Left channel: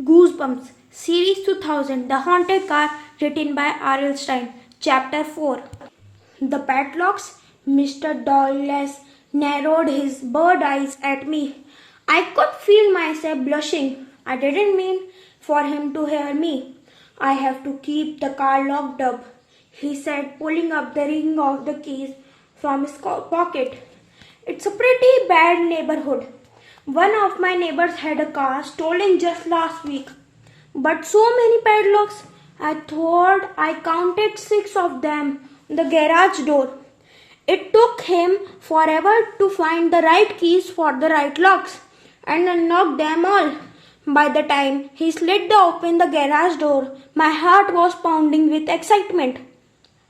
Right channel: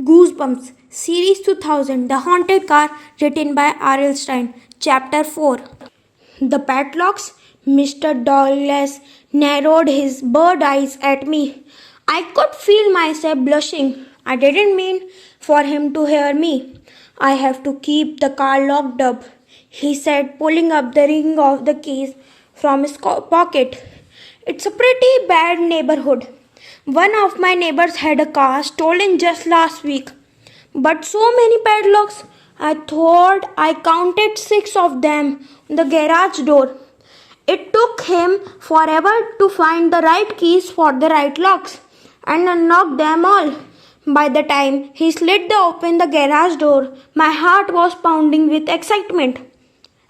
Goosebumps, Series 2000, The Haunted Car, written by R.L. Stein, Chapter 4. The padlocks, Mr. Douglas narrowed his bird eyes at me. I could feel myself blushing. I didn't mean for him to hear me. I have to keep the car locked up, he said, pulling up the ring of the keys from his pocket. It's a pretty bad neighborhood. One of my neighbors had a car stolen just last week. But so many padlocks. I thought I counted 6 of them on the garage door. It took him forever to find the right keys for the right locks and unlock them all. By the time he slid open the garage door, my heart was pounding with excitement.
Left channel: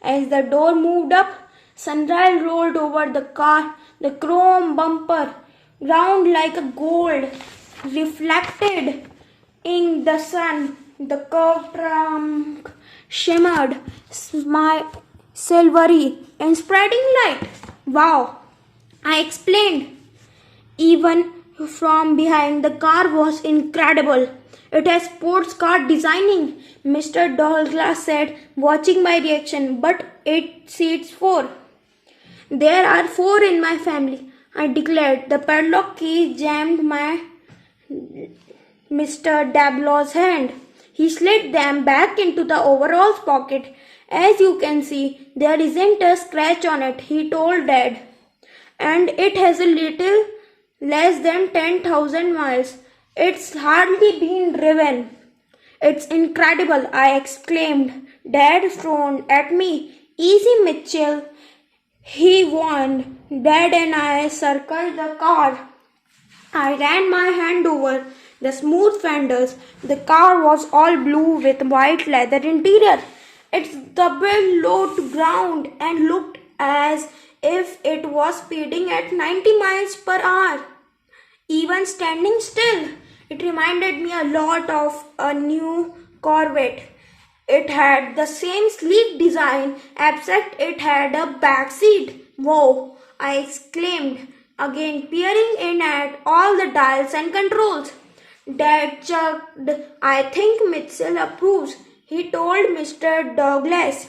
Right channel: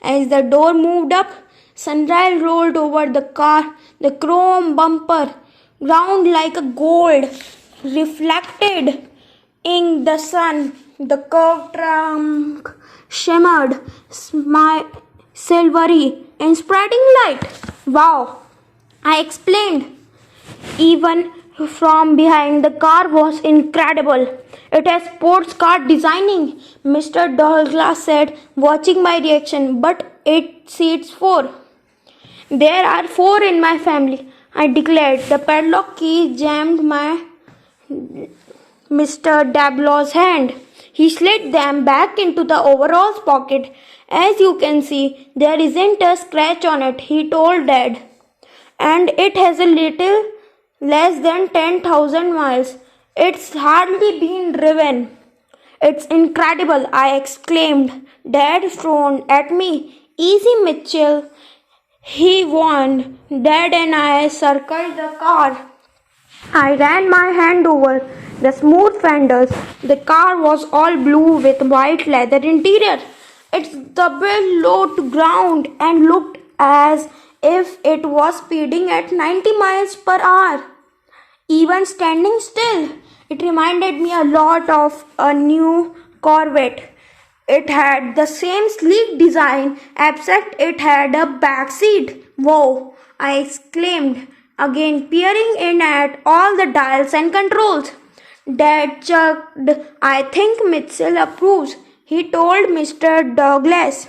As the door moved up, sunlight rolled over the car, the chrome bumper, round like a gold, reflected in the sun. The curved trunk shimmered, silvery, in spreading light. Wow! I exclaimed. Even from behind, the car was incredible. It has sports car designing, Mr. Douglas said, watching my reaction. But it seats 4. There are 4 in my family, I declared. The padlock key jammed my Mr. Dablow's hand. He slid them back into the overalls pocket. As you can see, there isn't a scratch on it, he told Dad. And it has a little less than 10,000 miles. It's hardly been driven. It's incredible, I exclaimed. Dad frowned at me. Easy, Mitchell, he warned. Dad and I circled the car. I ran my hand over the smooth fenders. The car was all blue with white leather interior. Its double low to ground and looked as if it was speeding at 90 miles per hour. Even standing still, it reminded me a lot of a new Corvette. It had the same sleek design, except it had a back seat. Whoa, I exclaimed, again peering in at all the dials and controls. Dad chuckled. I think Mitchell approves, he told Mr. Douglas.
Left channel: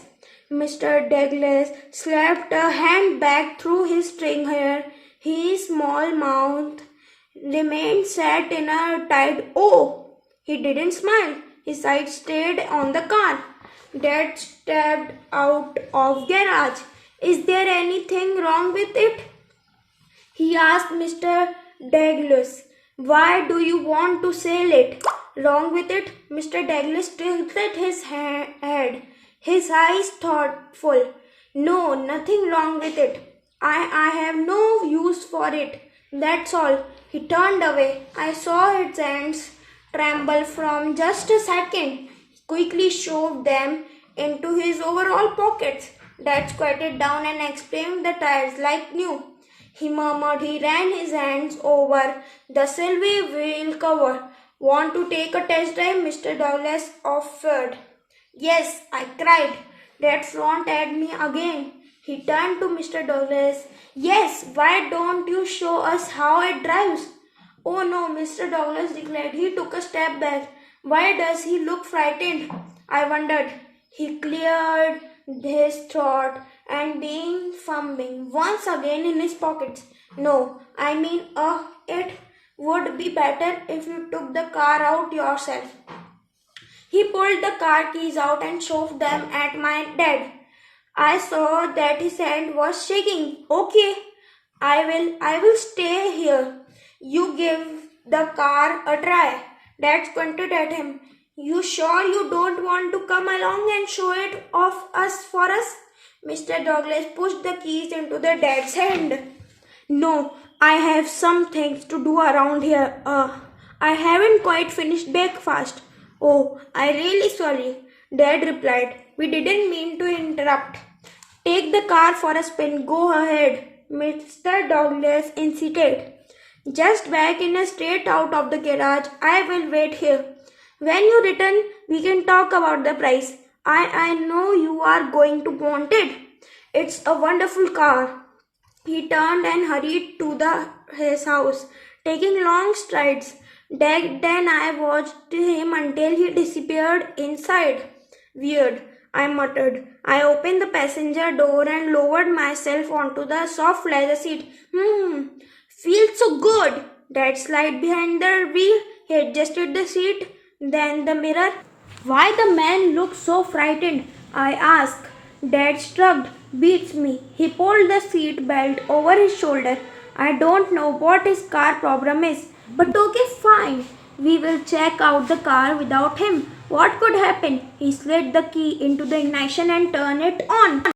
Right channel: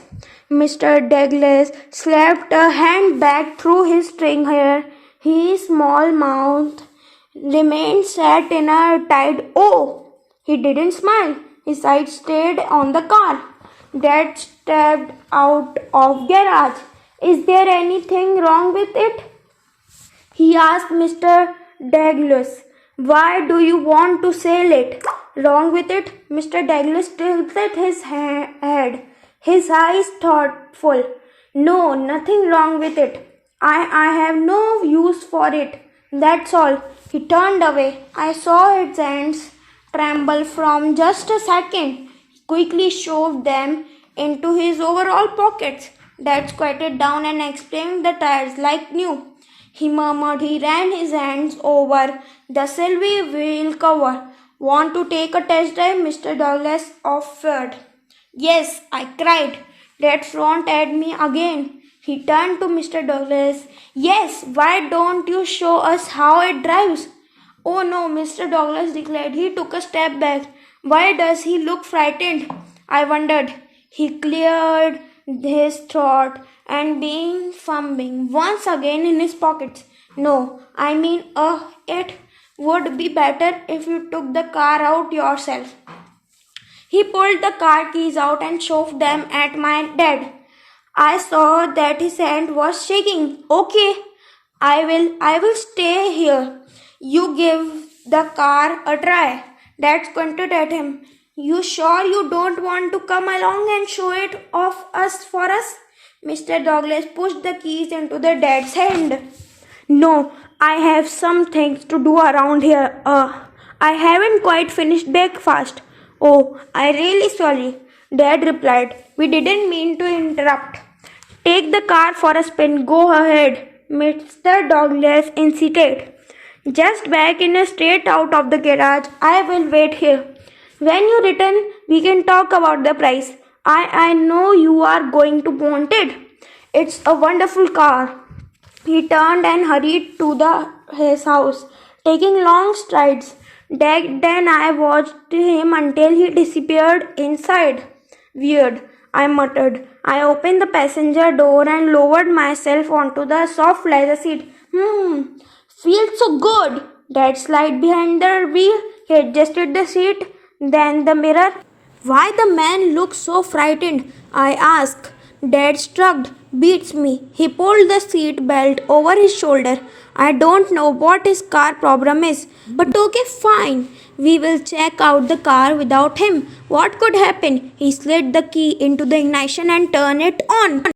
Mr. Douglas slapped a hand back through his string hair. His small mouth remained set in a tight O. He didn't smile. His eyes stayed on the car. Dad stepped out of garage. Is there anything wrong with it? He asked Mr. Douglas. Why do you want to sell it? Wrong with it? Mr. Douglas tilted his head, his eyes thoughtful. No, nothing wrong with it. I have no use for it. That's all. He turned away. I saw his hands tremble from just a second. He quickly shoved them into his overall pockets. Dad squatted down and explained the tires like new. He murmured. He ran his hands over the silvery wheel cover. Want to take a test drive? Mr. Douglas offered. Yes, I cried. Dad frowned at me again. He turned to Mr. Douglas. Yes, why don't you show us how it drives? Oh no, Mr. Douglas declared. He took a step back. Why does he look frightened? I wondered. He cleared his throat and began fumbling once again in his pockets. No, I mean, it would be better if you took the car out yourself. He pulled the car keys out and shoved them at my dad. I saw that his hand was shaking. Okay, I will stay here. You give the car a try. Dad squinted at him. You sure you don't want to come along and show it off for us? Mr. Douglas pushed the keys into the dad's hand. No, I have some things to do around here. I haven't quite finished breakfast. Oh, I'm really sorry, Dad replied. We didn't mean to interrupt. Take the car for a spin. Go ahead, Mr. Douglas insisted. Just back in a straight out of the garage. I will wait here. When you return, we can talk about the price. I know you are going to want it. It's a wonderful car. He turned and hurried to his house, taking long strides. Then I watched him until he disappeared inside. Weird, I muttered. I opened the passenger door and lowered myself onto the soft leather seat. Feels so good. Dad slid behind the wheel. He adjusted the seat, then the mirror. Why the man looked so frightened? I asked. Dad shrugged. Beats me. He pulled the seat belt over his shoulder. I don't know what his car problem is, but okay, fine. We will check out the car without him. What could happen? He slid the key into the ignition and turned it on.